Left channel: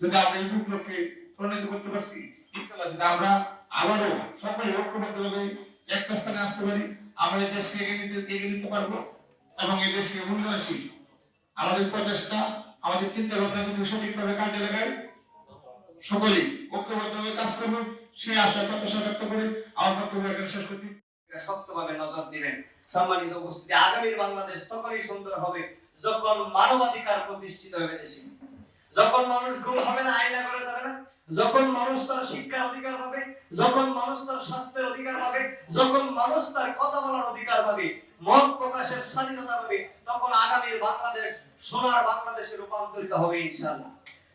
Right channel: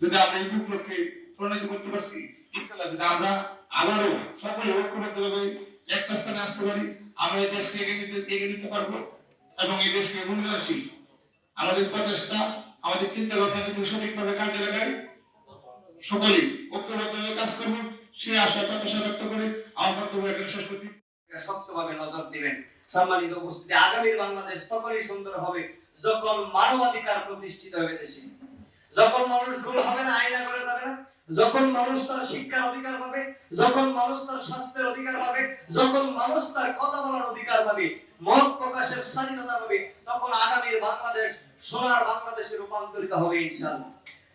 যদি আমরা এই বিপ্লবকে প্রণীত করতে পারছি, ইনশাআল্লাহ যদি আমরা আবারও সকলে ঐক্যবদ্ধভাবে একটা স্থানে আসতে পারি, আমরা এই দেশকে এগিয়ে নিতে পারবো এবং এই দেশকে উন্নয়নশীল আমাদের প্রচেষ্টা, আমাদের চিন্তা ভাবনা যদি সঠিকভাবে কাজে লাগায়, সকলেই ঐক্যবদ্ধভাবে কাজ করব, সেই আশা প্রত্যাশা ব্যক্ত করে আমার বক্তব্য এখানে শেষ করছি। শক্তভাবে নজর দিবেন। সম্মানিত উপস্থিতি, আগামীর বাংলাদেশ তখনই সুন্দর হবে যখন মানবাধিকার প্রতিষ্ঠিত হবে দেশে, যখন মানুষ গুম হবে না, আইনা করে যাবে না, যখন মানুষ তার শিক্ষার অধিকার পাবে, যখন মানুষ তার স্বাস্থ্যের অধিকার পাবে, যখন মানুষ তার কথা বলার অধিকার পাবে, মত প্রকাশের স্বাধীনতা পাবে, তখন আগামীর বাংলাদেশ সোনার বাংলাদেশে রূপান্তরিত হবে ইনশাআল্লাহ।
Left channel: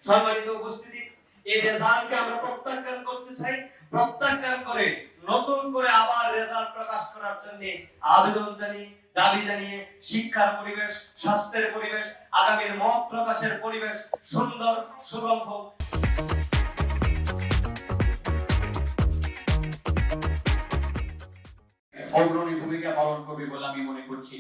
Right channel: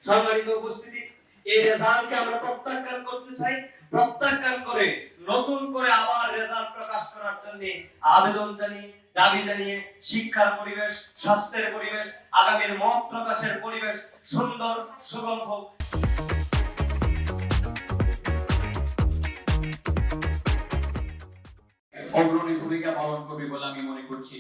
সম্মানিত উপস্থিতি, এই রেজাল্টকে আমরা প্রত্যাখ্যান করতে চাই। প্রত্যাখ্যান করে নতুন করে আবার রেজাল্ট প্রকাশ করার জন্য আবেদন জানিয়ে, দাবি জানিয়ে শিক্ষার পরিবেশ, স্বাস্থ্যের পরিবেশ, আগামীর মত প্রকাশের পরিবেশ সুন্দর সুগম হোক। অগ্রণী ভূমিকা পালন করবে বলে আমি মনে করছি।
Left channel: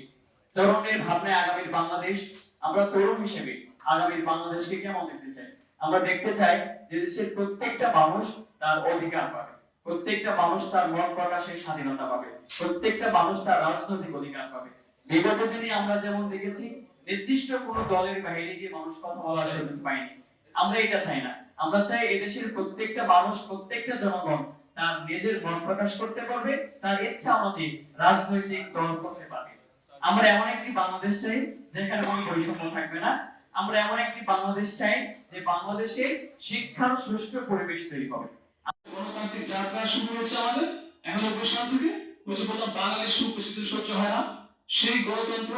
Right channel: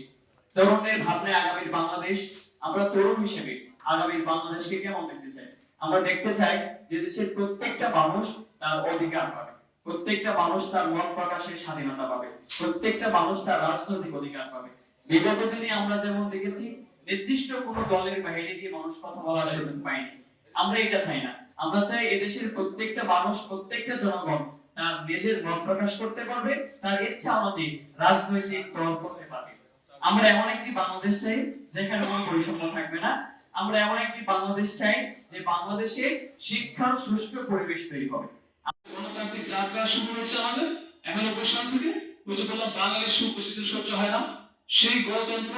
তরুণের ভাবনায় আগামীর বাংলাদেশ, আমরা তরুণ হিসেবে আগামীর বাংলাদেশকে কেমন দেখতে চাই? আমরা দেখতে চাই যে দেশের প্রত্যেকটা মানুষ তার অধিকার পাবে, প্রত্যেকটা মানুষ তার মত প্রকাশের স্বাধীনতা পাবে, প্রত্যেকটা মানুষ তার রাজনৈতিক অধিকার পাবে। বিগত দিনে আমরা যেমন দেখেছি নির্দিষ্ট কোনো দলের বাইরে গিয়ে মানুষ কথা বলার সুযোগ পায়নি। আমরা এটা চাই না। আমরা চাই এদেশের প্রত্যেকটা মানুষ, প্রত্যেকটা জনগণ তার নিজের মত প্রকাশ করতে পারবে, তার ইচ্ছা অনুযায়ী রাজনৈতিক দল করতে পারবে। আমরা এমন একটি বাংলাদেশ চাই যেখানে কোনো বৈষম্য থাকবে না। আমরা এমন একটি বাংলাদেশ চাই যে বাংলাদেশে শিক্ষার সুষ্ঠু পরিবেশ তৈরি হবে। গণতান্ত্রিক যাত্রা শুরু হয়েছে আমাদের, এখনো বৈষম্য থেকে ওই যে বললাম বাঙালির সুখ বেশিদিন সহ্য হয় না, সেই গণতন্ত্র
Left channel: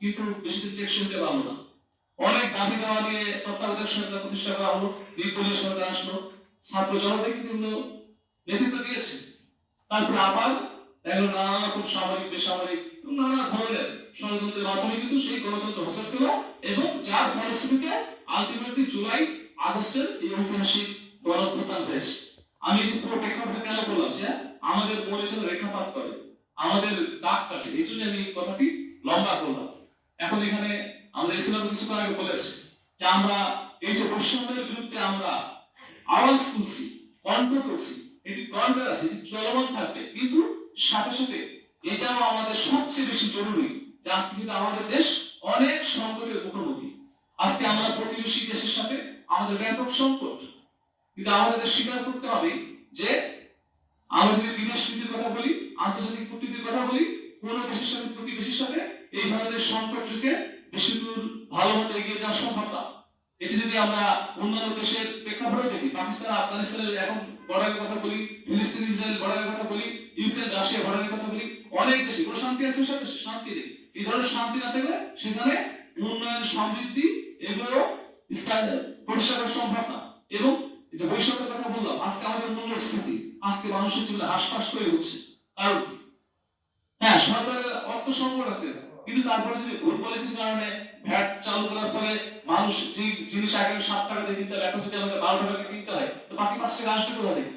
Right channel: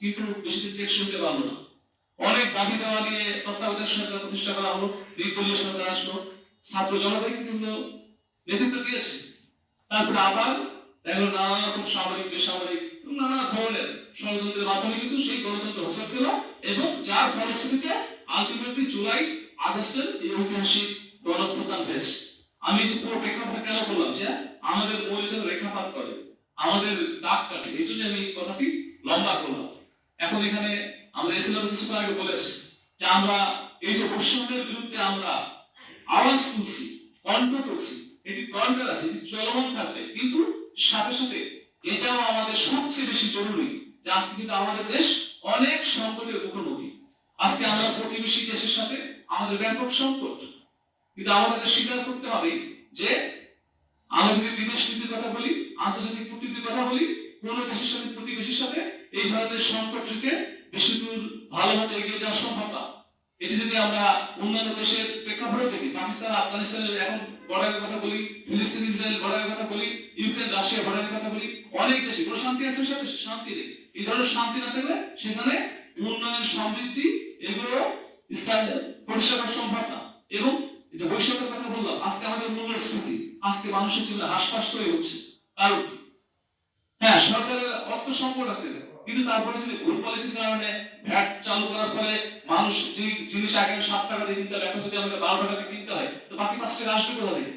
কিন্তু বেশিদিন টেকসই হতে পারলো না। অনেক দাবি দেওয়া নিয়ে তত্ত্বাবধায়ক সরকার প্রতিষ্ঠা করা হলো, নির্দলীয় সরকার আসলো, ছাত্র জনতা কিন্তু নেতৃত্ব দিয়েছে। তারপরে আবার এগুলো নানা রকম সামরিক, বেসামরিক নানা ধরনের ষড়যন্ত্রের মাধ্যমে কিন্তু সেই গণতন্ত্র হোসট পেল এবং যার ফলশ্রুতিতে আলটিমেটলি জুলাই আগস্টের এই ঐতিহাসিক গণঅভ্যুত্থান হয়েছে। আমি যে পুরো প্রেক্ষাপটটা কেন বললাম যে আমাদের মনে যেন রেখাপাত করে, আমাদের দাগ কাটে, এই জন্য আমি কথাটি লম্বা করলাম। এখন এখানে আমরা এসিলার কিছুক্ষণ আগে বলেছি যে আমরা এই যে বৈষম্যের বিরুদ্ধে আমরা আওয়াজ তুলছি, কণ্ঠ তুলছি, এটি দরকার আছে, এটি চলমান থাকবে, কিন্তু সাথে সাথে এটাও আমাদের সবচেয়ে বেশি জরুরি যে আজকে কিন্তু আমাদের দেশ অনেক সংকটের মুখোমুখি। আজকে আমরা প্রতিবেশী দেশের সাথে আমাদের ব্যাপক সংকট, কিন্তু আমাদের স্বীকার করতে হবে যে আমরা যদি বিদেশ নীতির কথা বলি, আন্তর্জাতিক কূটনীতির কথা বলি, কোন দেশের সাথে, প্রতিবেশীর সাথে এই ধরনের সংকট থেকে বেশি দূর ভালো মতো এগিয়ে যাওয়া সম্ভব না। এটি যদি আমরা অন্যান্য দেশের প্রেক্ষাপটে দেখি, পাকিস্তান আফগানিস্তানের এখন বর্ডারের কথা বলি, ফিলিস্তিন ইসরায়েল বর্ডারের কথা বলি, ইউক্রেন রাশিয়া বর্ডারের কথা বলি, অনেক দেশে কোনো শান্তি আছে, সেটা শান্তি নেই। এই ধরনের শান্তি না থাকলে সেখানে উন্নয়ন, সমৃদ্ধি এগুলো প্রতিষ্ঠা করা সম্ভব না। এবং যে বৈষম্যের কথা বললাম, আজকে আমাদের মূল্যস্ফীতি আজকে মানুষের জন্য হাসপাস হয়ে উঠছে। কারণ হ্যাঁ, সরকারের অর্থ সংকট আছে, কিন্তু তারপরে যদি ভুল পলিসির কারণে ভ্যাট চালু করার ফলে মানুষ যে জিনিস আগে 7 টাকা দিয়ে কিনতে হয় এখন যদি আমাদের 12 টাকা দিয়ে কিনতে হয়, তো বাকি 5 টাকা আসবে কোথা থেকে?